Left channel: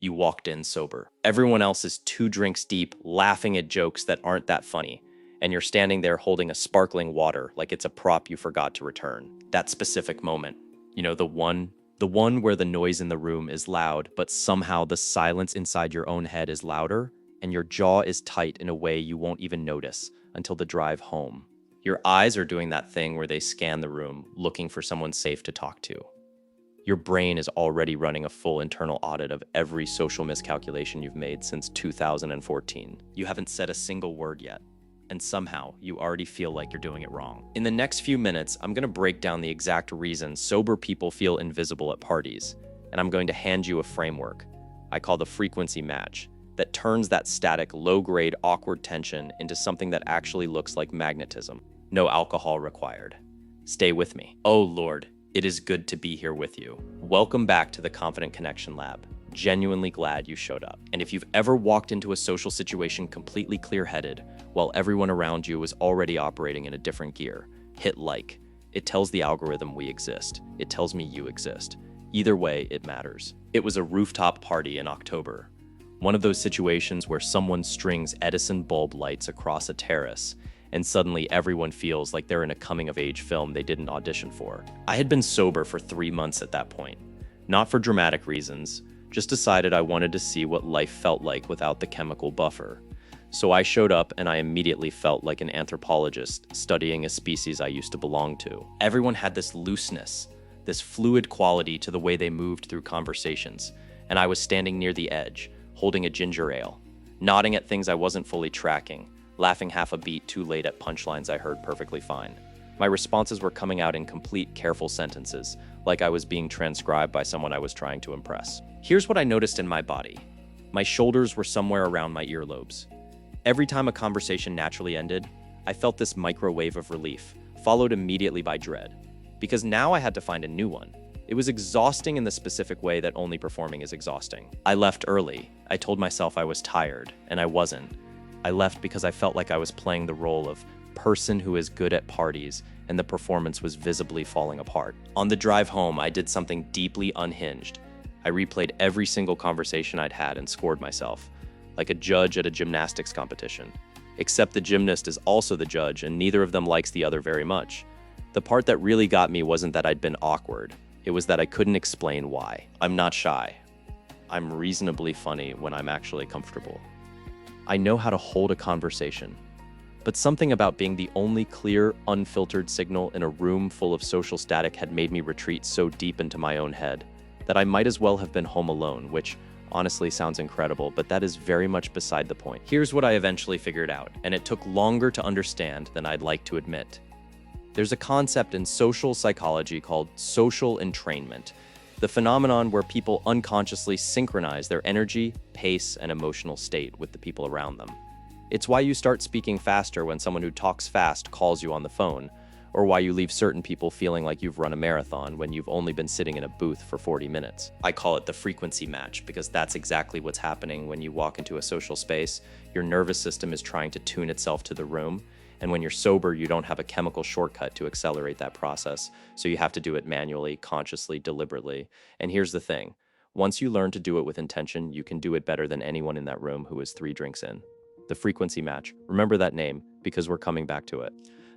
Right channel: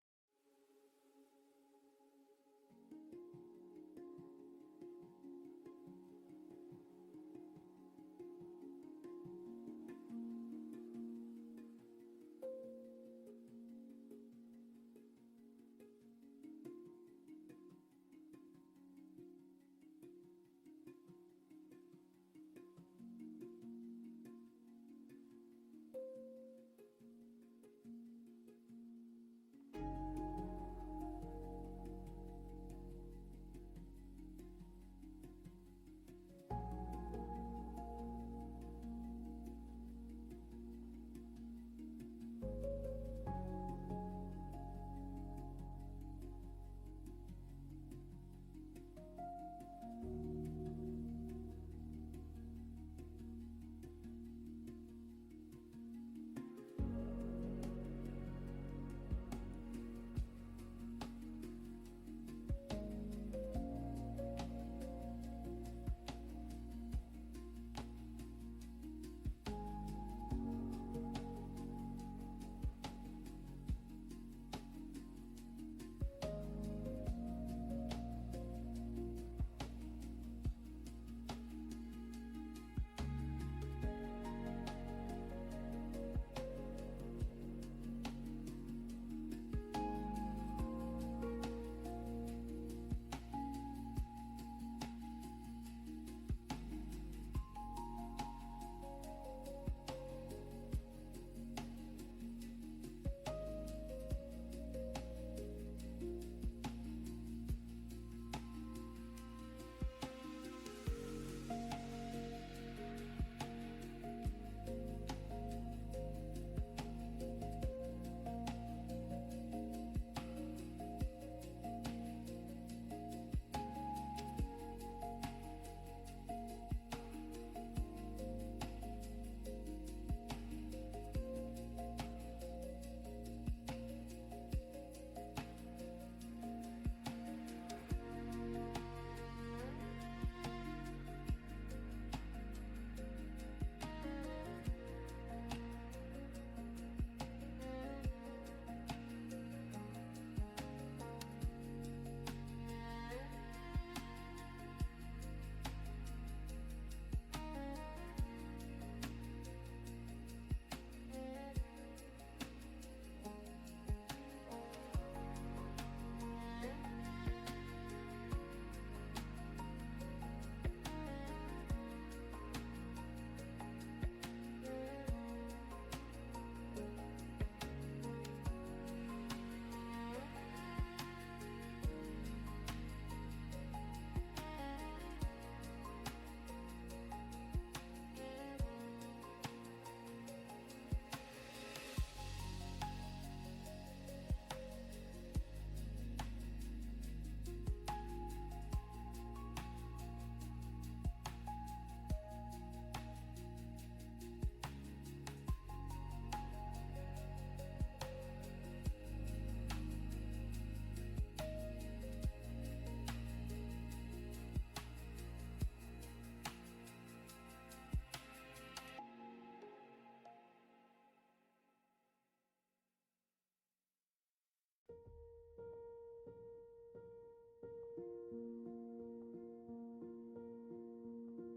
You walked in sober. Everyone else is 2 drinks deep, laughing at jokes that aren't that funny, and you're standing there holding a sparkling water like it's a prop you forgot to return. That specific moment, the one where the noise in the room is loud, but somehow the silence inside your own head is louder, and your jaw is tight in a way you won't even notice until the drive home. Your eyes are doing that thing where they scan the room, looking for someone safe to talk to. Your brain is already running a full internal audit of every social miscalculation you've made since 2014. You haven't said a single word yet, and somehow you already feel like you're doing it wrong. In the next few minutes, I'm going to break down the exact reason sober people feel invisible at parties, and I'm going to hand you a framework I call the frequency match that turns that static, low-grade, awkward tension into something that actually looks like magnetism. No alcohol required. Stay with me. Oh Lord, it is good to be here with you. Welcome back to the Confident Connection Lab. Genuinely glad you showed up. And if you've ever walked into a social situation completely clear-headed while everyone around you is already operating in a different gear, hit like. It tells the algorithm we exist. It tells me you exist. Either way, it matters. It was a rooftop party in October. One of those situations where someone strings Edison bulb lights across a terrace and suddenly everyone feels like they're in a coming-of-age film they didn't audition for. I had been sober for 3 months at that point. Not for dramatic reasons, just decided I wanted to see what life felt like without the chemical buffer. So I showed up and I immediately felt like an anthropologist studying a species I used to belong to. Everyone had this looseness, this fluid quality to the way they moved through conversations, and I was standing near the edge, holding a ginger ale, nodding at things I wasn't fully tracking, laughing half a beat too late at punchlines I heard perfectly fine. My responses were coming out in complete, careful sentences, like I was being transcribed by someone I was trying to impress. Here's what I noticed in my body. My shoulders were somewhere around my earlobes. Every time a conversation naturally ended, I felt this microwave of relief, followed immediately by dread. Because now I had to find a new one. It was exhausting in the specific way that only performing is exhausting. I left early. I told myself I was tired, and I wasn't. I left because I felt like I was playing the role of person who is good at parties, and the performance was visibly falling apart. On the drive home, I did something deeply unhinged. I replayed every single conversation I'd had and scored myself, like a judge at a gymnastics competition. Except the gymnast is also the judge, and neither of them likes the other very much. The part that really got me wasn't that I'd been awkward. It was that I couldn't explain why. I'm not shy. I'm reasonably funny when I'm actually comfortable. I know how to hold a conversation, but something about being the only clear, unfiltered signal in a room full of social static had made me retreat so deep into my own head that I might as well have been home alone, which honestly sounds incredible, but that is very much beside the point. Here's what I eventually figured out, and it took longer to understand than I'd like to admit. There's a concept in social psychology called social entrainment, the phenomenon where people unconsciously synchronize their energy, pace, and emotional state with the people around them. It's why you start speaking faster when someone who talks fast calls you on the phone, or why you leave certain people feeling like you've run a marathon when you've only been sitting in a booth for 40 minutes. I call it the frequency match because that's exactly what's happening when you walk into a social space. Your nervous system is trying to tune itself to the room, and when you're sober, you don't have a chemical shortcut to accelerate that process, so you have to do it manually, consciously, deliberately. And here's the thing. Once you learn to do it with intention, you can do it better than anyone in that room who is 3 drinks in. The frequency match. Remember that name, because we're coming back to it.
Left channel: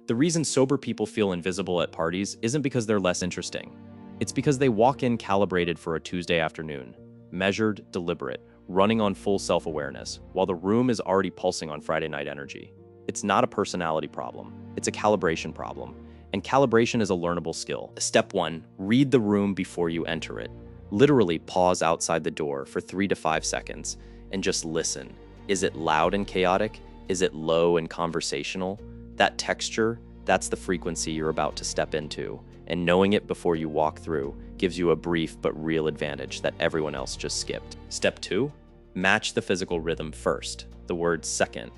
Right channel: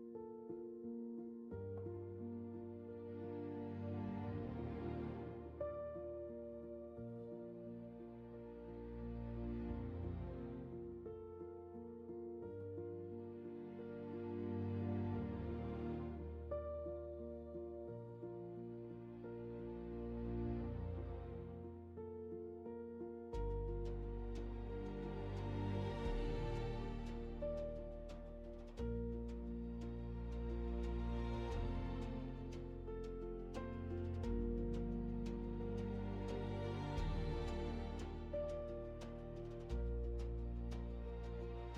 The reason sober people feel invisible at parties isn't because they're less interesting. It's because they walk in calibrated for a Tuesday afternoon, measured, deliberate, running on full self-awareness, while the room is already pulsing on Friday night energy. It's not a personality problem, it's a calibration problem. And calibration is a learnable skill. Step 1, read the room before you enter it. Literally pause outside the door for 3 to 5 seconds and just listen. Is it loud and chaotic? Is it low and conversational? That texture, that's the frequency you're about to step into. And knowing it before you walk through gives you a brief but real advantage that everyone else just skipped. Step 2, match the physical rhythm first, the word second.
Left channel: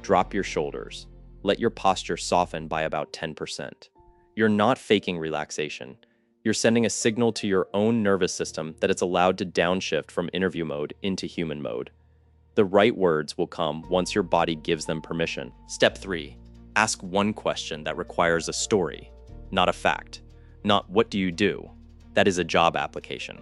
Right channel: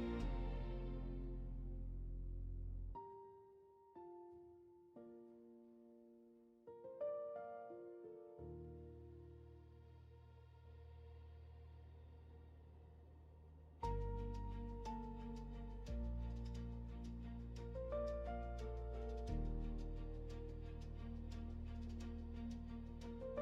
Drop your shoulders. Let your posture soften by about 10%. You're not faking relaxation. You're sending a signal to your own nervous system that it's allowed to downshift from interview mode into human mode. The right words will come once your body gives them permission. Step 3, ask one question that requires a story, not a fact. Not what do you do? That is a job application.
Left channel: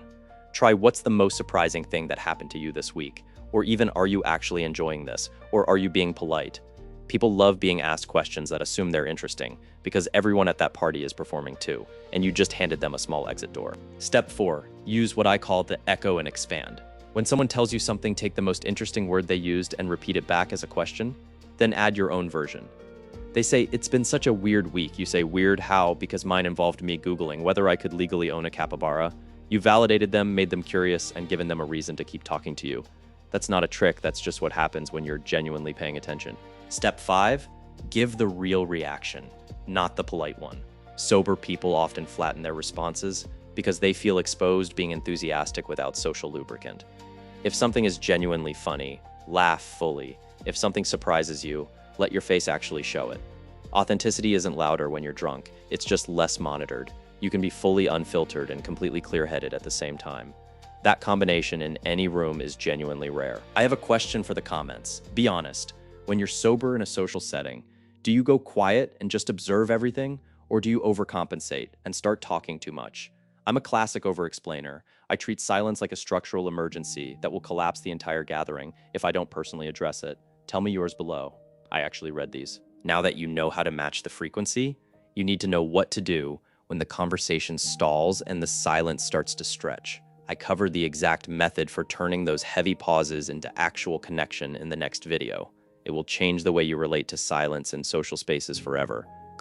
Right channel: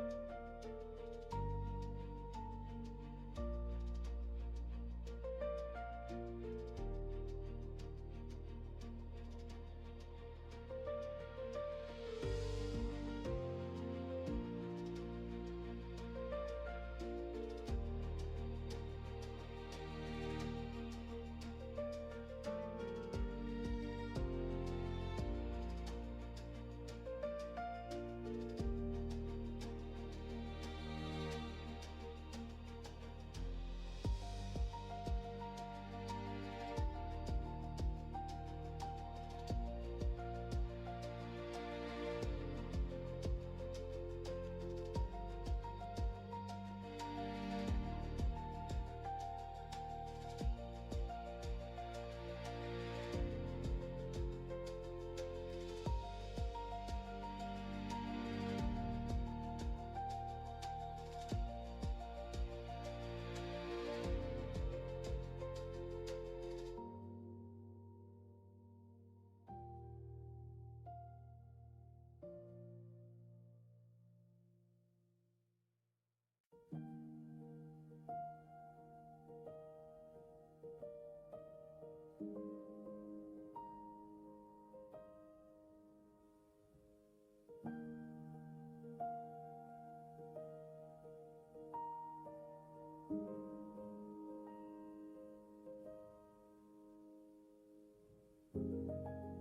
Try what's the most surprising thing that happened to you this week? Or even, are you actually enjoying this? Or are you being polite? People love being asked questions that assume they're interesting because everyone at that party is performing too, and you just handed them a small exit door. Step 4, use what I call the echo and expand. When someone tells you something, take the most interesting word they used and repeat it back as a question, then add your own version. They say, "It's been such a weird week." You say, "Weird how?" "Because mine involved me Googling whether I could legally own a capybara." You validated them, made them curious, and given them a reason to keep talking to you. That's not a trick, that's just what happens when you're genuinely paying attention. Step 5, give the real reaction, not the polite one. Sober people often flatten their responses because they feel exposed being enthusiastic without social lubricant. If something is genuinely funny, laugh fully. If something surprises you, let your face actually show it. Authenticity isn't louder when you're drunk, it's just less monitored. You can be fully unfiltered and completely clear-headed at the same time. That combination in any room is genuinely rare. I have a question for the comments. Be honest. When you're sober in a social setting, do you go quiet and just observe everything, or do you overcompensate and start talking too much? I'm a classic over-explainer. I treat silence like a structural emergency that will collapse the entire gathering if I don't personally address it. Tell me yours below. I actually read these. Now that you know how to match the frequency, you need to know what to do when the conversation stalls and the silence starts to stretch. I covered the exact method for turning those heavy pauses into actual connection in the next video. It will change the way you relate to silence in social spaces forever.